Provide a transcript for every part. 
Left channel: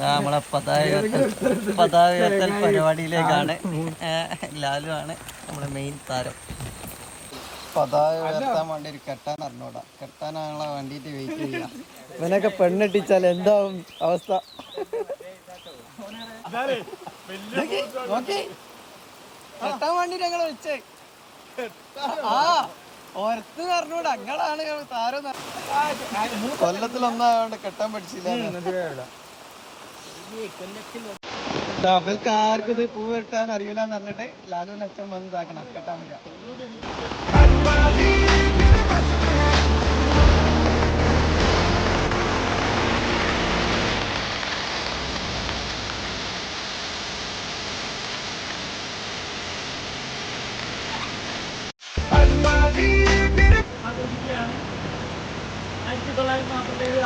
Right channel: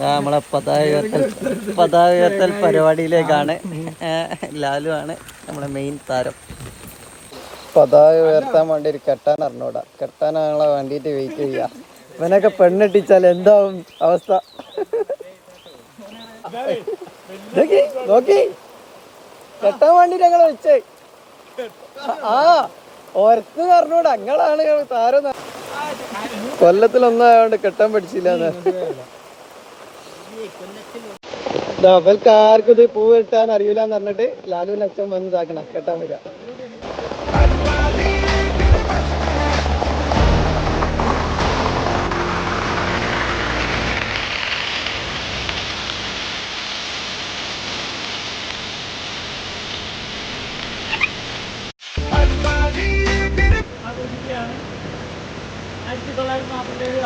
നമ്മളെ പതാക ഉയർത്തൽ പരിപാടിയിലേക്കാണ്. ലാലു ആണ് നമ്മുടെ മെയിൻ താരം. പതാക ഉയർത്താൻ വേണ്ടി ഒരു കെട്ടാൻ അറിഞ്ഞൂടാ. കെട്ടാനാണോ വേണ്ടിയിട്ട് വെയിറ്റ് ചെയ്യാ. ഇവനൊക്കെ പെണ്ണെട്ടിച്ചാൽ എന്താവും അവസ്ഥ? നോക്കി കെട്ടാൻ വേണ്ടിട്ട് ഞങ്ങൾ വെച്ചേ. ഓർത്ത് പറഞ്ഞൂടാ. ഞങ്ങളാണ് താരം. കൊല്ലത്തിലൊന്നായോണ്ട് കെട്ടാൻ പഠിച്ചില്ല. ആർക്കും ഇത് പൂ കിട്ടാൻ അറിയില്ലെന്ന് പറഞ്ഞിട്ട് ലാലുവിന്റെ അച്ഛൻ വന്ന് ഇതാക്കണം, കെട്ടാൻ വരിക.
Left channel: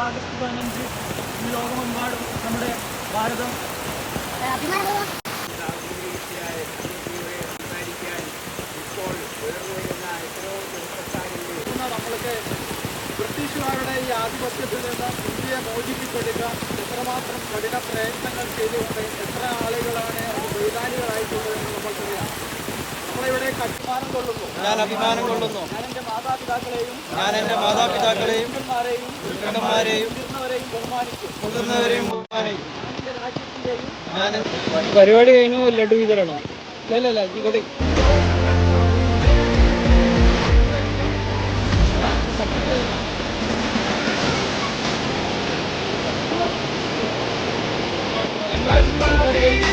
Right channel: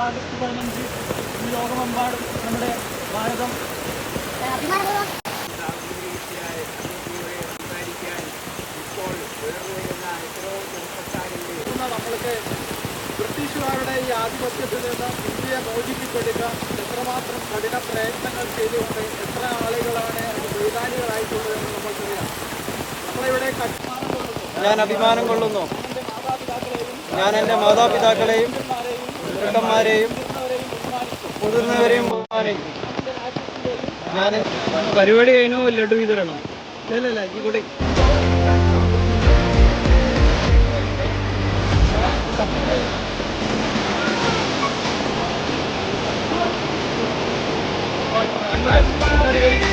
ആഗസ്റ്റ് 15 ഈ ലോകമെമ്പാടും നമ്മുടെ ഭാരതം നമ്മൾക്ക് ബ്രിട്ടീഷുകാരുടെ ഈ ആധിപത്യത്തിൽ നിന്ന് ഇന്ത്യയെ മോചിപ്പിച്ചെടുക്കുക എത്രമാത്രം കഠിന പ്രയത്നങ്ങൾ ചെയ്തുകൊണ്ട് എത്ര ആളുകളാണ് അത് ബലിദാനികളായിട്ടുള്ളത് എന്ന് നമ്മൾക്കറിയാം. നമ്മളിവിടെ അഭിമാനം കൊള്ളുന്നു. ഞാൻ എൻ്റെ മാതാപിതാക്കളെയും പരിപാടി കഴിഞ്ഞു. ലഡു വിതരണം ഇല്ലല്ല കൂടെ Bye.